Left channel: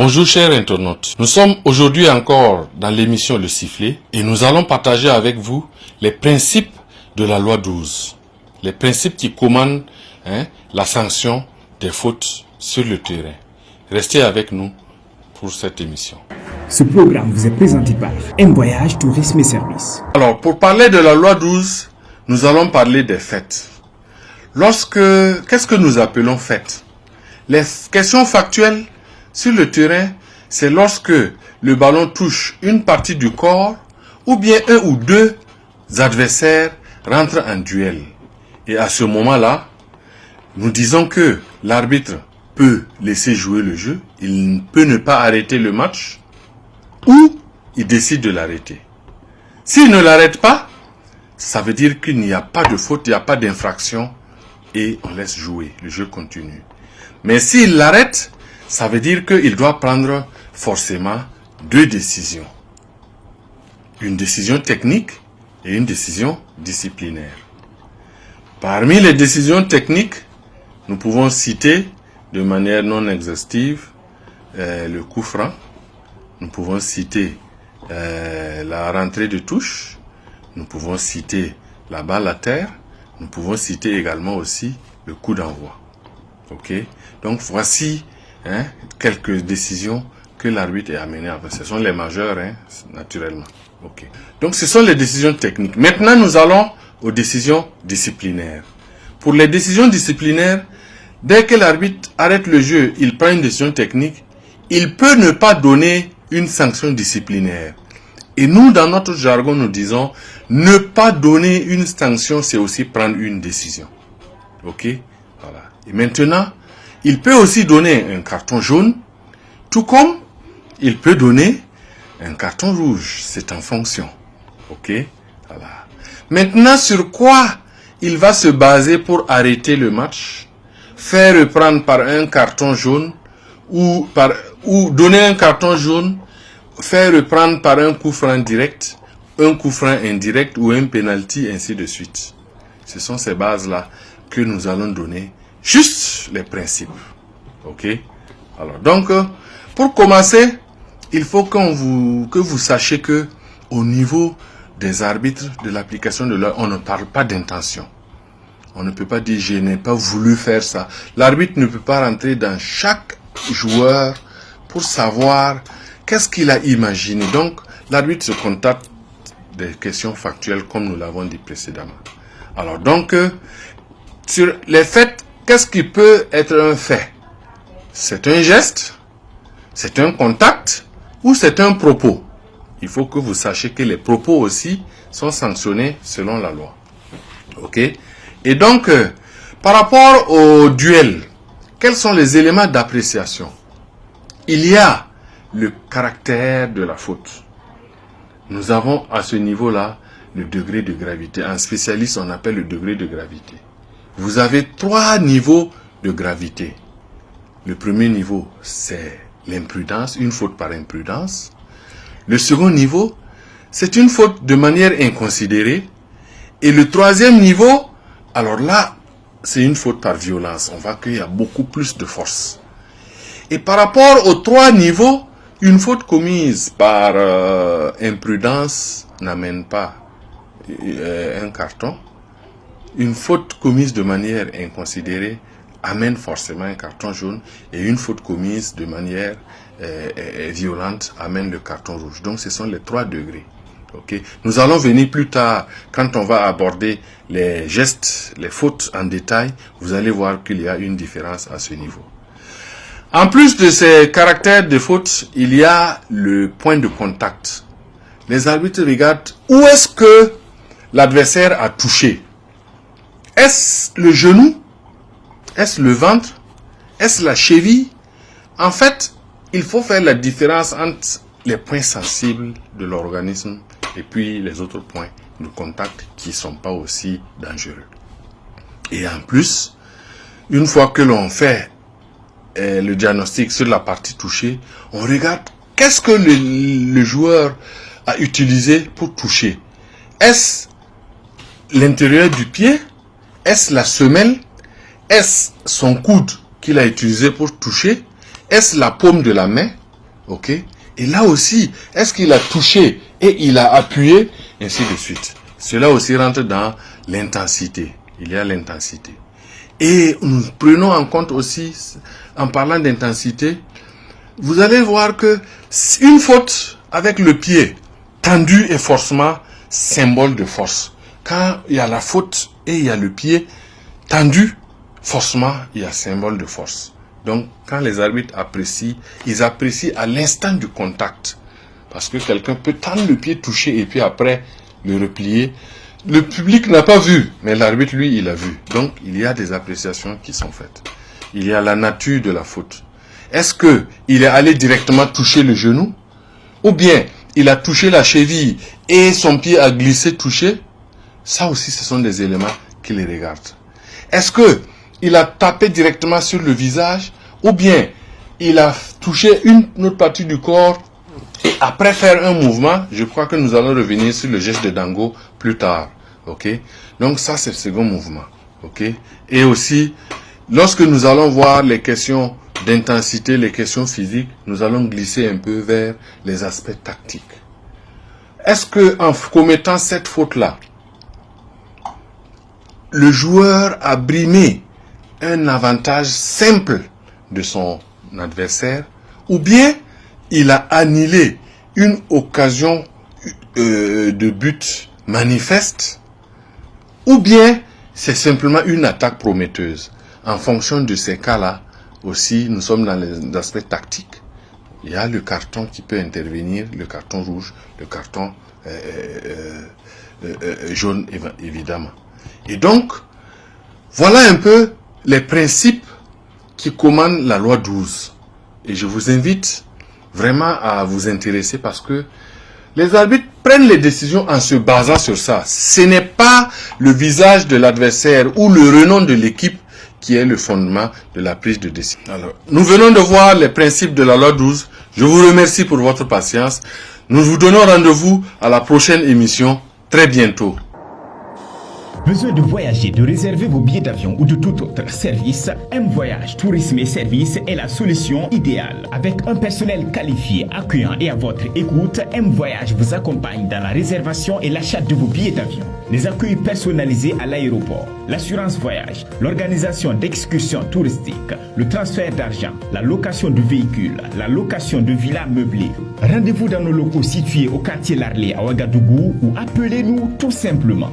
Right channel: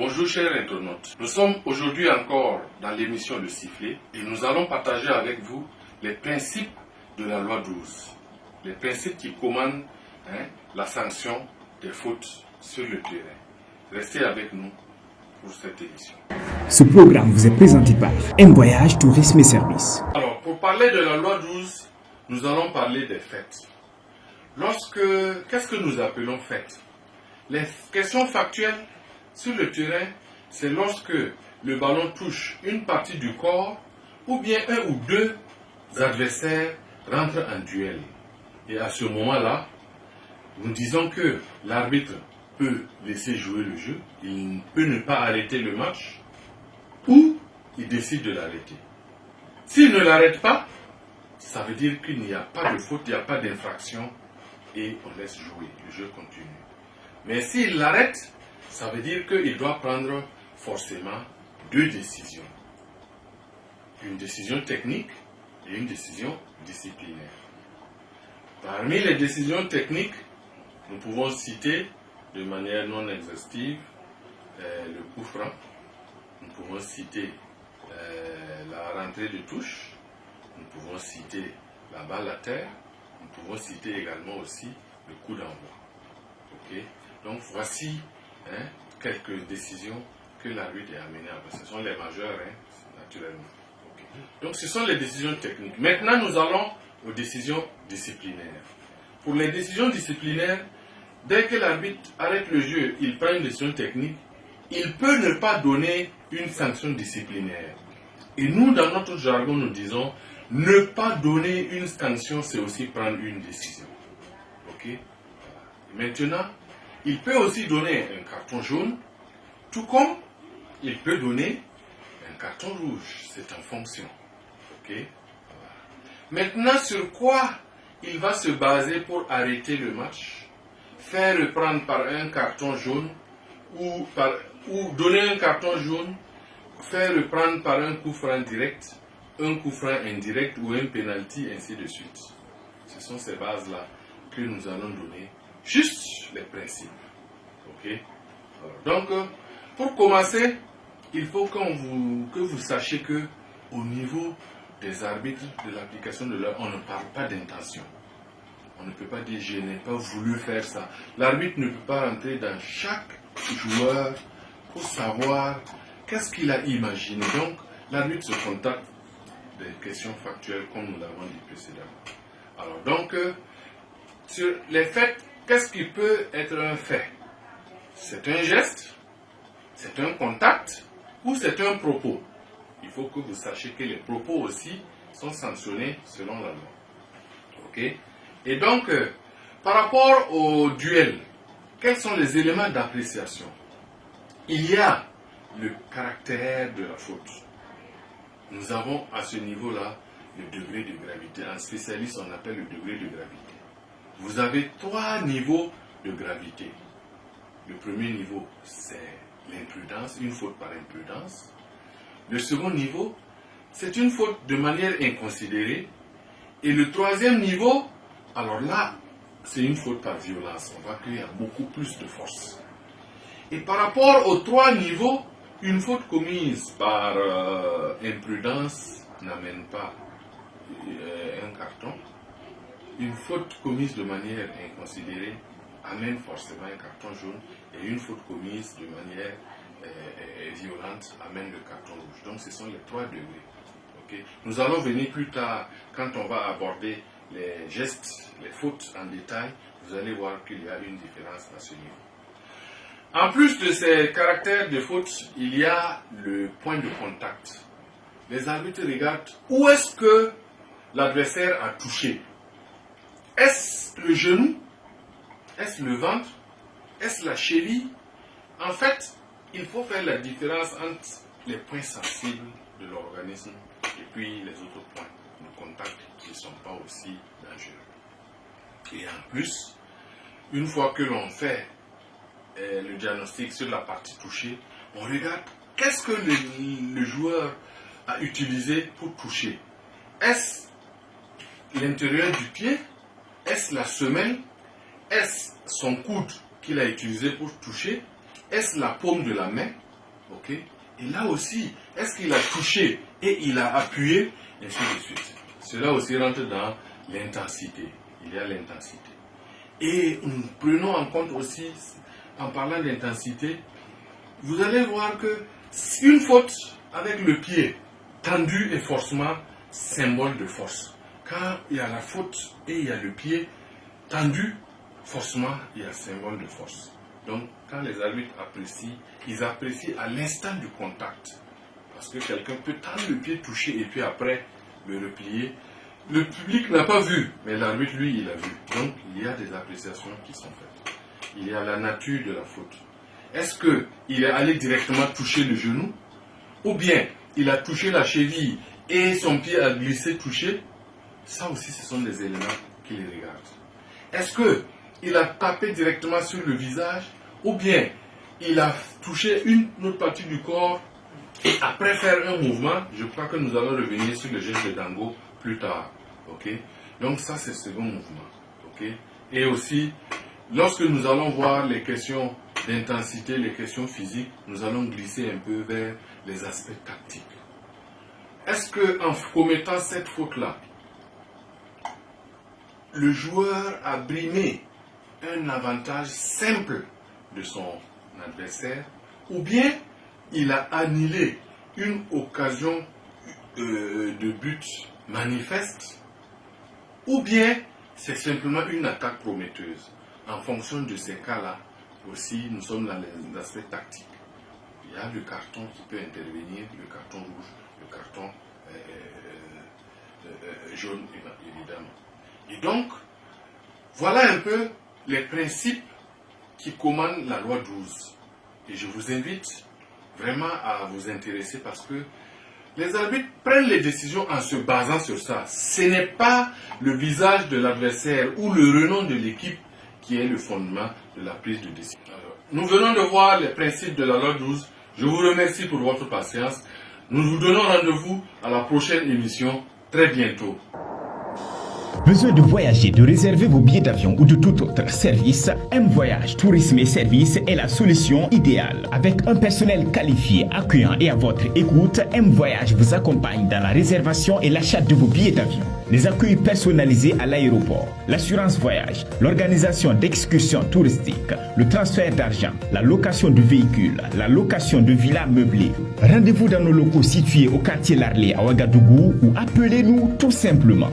Bonjour chers internautes, nous sommes aujourd'hui encore dans l'émission Le Sifflet et nous allons partager avec vous les principes de la loi 12. Les principes qui commandent la sanction des fautes sur le terrain. Restez avec nous pour cette émission. Ce programme vous est présenté par M Voyage Tourisme et Services. Alors pour parler de la loi 12, nous allons parler des fêtes. Qu'est-ce que nous appelons fêtes? Les questions factuelles sur le terrain, c'est lorsque le ballon touche une partie du corps ou bien un ou deux adversaires rentrent en duel. Et à ce moment-là, nous disons que l'arbitre peut laisser jouer le jeu, il peut ne pas arrêter le match ou il décide de l'arrêter. S'il ne l'arrête pas, ça veut dire qu'il n'y a pas de faute, il n'y a pas d'infraction et on laisse jouer, le jeu continue. Mais s'il l'arrête, ça veut dire qu'il doit prendre forcément deux décisions. Une décision technique et une décision disciplinaire. Parmi les décisions techniques, nous pouvons citer de manière non exhaustive le coup franc. Nous pouvons citer la rentrée de touche. Nous pouvons citer la balle à terre. Nous pouvons citer également aussi le coup d'envoi. Ok? Donc voici quelques décisions que l'arbitre est amené à faire. Ce sont les majeures, naturellement. Okay. Donc ce sont les décisions techniques. Maintenant, nous allons aux décisions disciplinaires. Pour les décisions disciplinaires, dès que l'arbitre arrête le jeu, il prend une décision technique, il peut ne pas donner une sanction disciplinaire. Et nous, dans notre jargon, nous disons, ne pas donner une sanction, c'est aussi prendre une décision. Ok? Voilà. Et maintenant, il peut aussi donner un carton jaune, tout comme il peut donner un carton rouge. C'est en fonction. Ok? Voilà. Maintenant, sur quoi il va se baser pour arrêter le match, faire reprendre par un carton jaune ou donner un carton jaune, faire reprendre par un coup franc direct, un coup franc indirect ou un penalty, ainsi de suite. Ce sont ces bases-là que nous allons donner. Juste les principes. Ok? Alors, donc, pour commencer, il faut que vous sachiez que au niveau des arbitres de l'application de la loi, on ne parle pas d'intention. On ne peut pas dire je n'ai pas voulu faire ça. L'arbitre ne peut pas rentrer dans chaque joueur pour savoir qu'est-ce qu'il a imaginé. Donc, l'arbitre se contacte des questions factuelles comme nous l'avons dit précédemment. Alors, donc, sur les faits, qu'est-ce qui peut être un fait? C'est un geste, c'est un contact ou c'est un propos? Il faut que vous sachiez que les propos aussi sont sanctionnés selon la loi. Ok? Et donc, par rapport au duel, quels sont les éléments d'appréciation? Il y a le caractère de la faute. Nous avons à ce niveau-là le degré de gravité. En spécialiste, on appelle le degré de gravité. Vous avez 3 niveaux de gravité. Le premier niveau, c'est l'imprudence, une faute par imprudence. Le second niveau, c'est une faute de manière inconsidérée. Et le troisième niveau, alors là, c'est une faute par violence. On voit qu'il y a beaucoup plus de force. Et par rapport aux 3 niveaux, une faute commise par imprudence n'amène pas un carton. Une faute commise de manière inconsidérée amène forcément un carton jaune et une faute commise de manière violente amène le carton rouge. Donc ce sont les 3 degrés. Okay? Nous allons venir plus tard quand on va aborder les gestes, les fautes en détail. Vous allez voir qu'il y a une différence à ce niveau. En plus de ces caractères de faute, il y a le point de contact. Les arbitres regardent où est-ce que l'adversaire a touché. Est-ce le genou? Est-ce le ventre? Est-ce la cheville? En fait, il faut faire la différence entre les points sensibles de l'organisme et puis les autres points de contact qui ne sont pas aussi dangereux. Et en plus, une fois que l'on fait le diagnostic sur la partie touchée, on regarde qu'est-ce que le joueur a utilisé pour toucher. Est-ce l'intérieur du pied? Est-ce la semelle? Est-ce son coude qu'il a utilisé pour toucher? Est-ce la paume de la main? Ok? Et là aussi, est-ce qu'il a touché et il a appuyé, ainsi de suite. Cela aussi rentre dans l'intensité. Il y a l'intensité. Et nous prenons en compte aussi, en parlant d'intensité, vous allez voir que une faute avec le pied tendu est forcément symbole de force. Quand il y a la faute et il y a le pied tendu, forcément il y a symbole de force. Donc quand les arbitres apprécient, ils apprécient à l'instant du contact. Parce que quelqu'un peut tendre le pied, toucher et puis après le replier. Le public n'a pas vu, mais l'arbitre, lui, il a vu. Donc, il y a des appréciations qui sont faites. Il y a la nature de la faute. Est-ce que il est allé directement toucher le genou? Ou bien, il a touché la cheville et son pied a glissé, touché? Ça aussi, ce sont des éléments qui les regardent. Est-ce que il a tapé directement sur le visage? Ou bien, il a touché une autre partie du corps et après faire un mouvement? Je crois que nous allons revenir sur le geste de Dango plus tard. Ok? Donc ça, c'est le second mouvement. Ok? Et aussi, lorsque nous allons voir les questions d'intensité, les questions physiques, nous allons glisser un peu vers les aspects tactiques. Est-ce que en commettant cette faute-là, le joueur a brimé un avantage simple de son adversaire, ou bien il a annulé une occasion de but manifeste, ou bien c'est simplement une attaque prometteuse? En fonction de ces cas-là, aussi, nous sommes dans les aspects tactiques. Il y a le carton qui peut intervenir, le carton rouge, le carton jaune, évidemment. Et donc, voilà un peu les principes qui commandent la loi 12. Et je vous invite vraiment à vous intéresser parce que les arbitres prennent les décisions en se basant sur ça. Ce n'est pas le visage de l'adversaire ou le renom de l'équipe qui est le fondement de la prise de décision. Alors, nous venons de voir les principes de la loi 12. Je vous remercie pour votre patience. Nous vous donnons rendez-vous à la prochaine émission très bientôt. Besoin de voyager, de réserver vos billets d'avion ou de tout autre service, M Voyage Tourisme et Services est la solution idéale. Avec un personnel qualifié, accueillant et à votre écoute, M Voyage vous accompagne dans la réservation et l'achat de vos billets d'avion. Les accueils personnalisés à l'aéroport, l'assurance voyage, l'organisation d'excursions touristiques, le transfert d'argent, la location de véhicules, la location de villas meublées. Rendez-vous dans nos locaux situés au quartier Larlé à Ouagadougou ou appelez-nous tout simplement.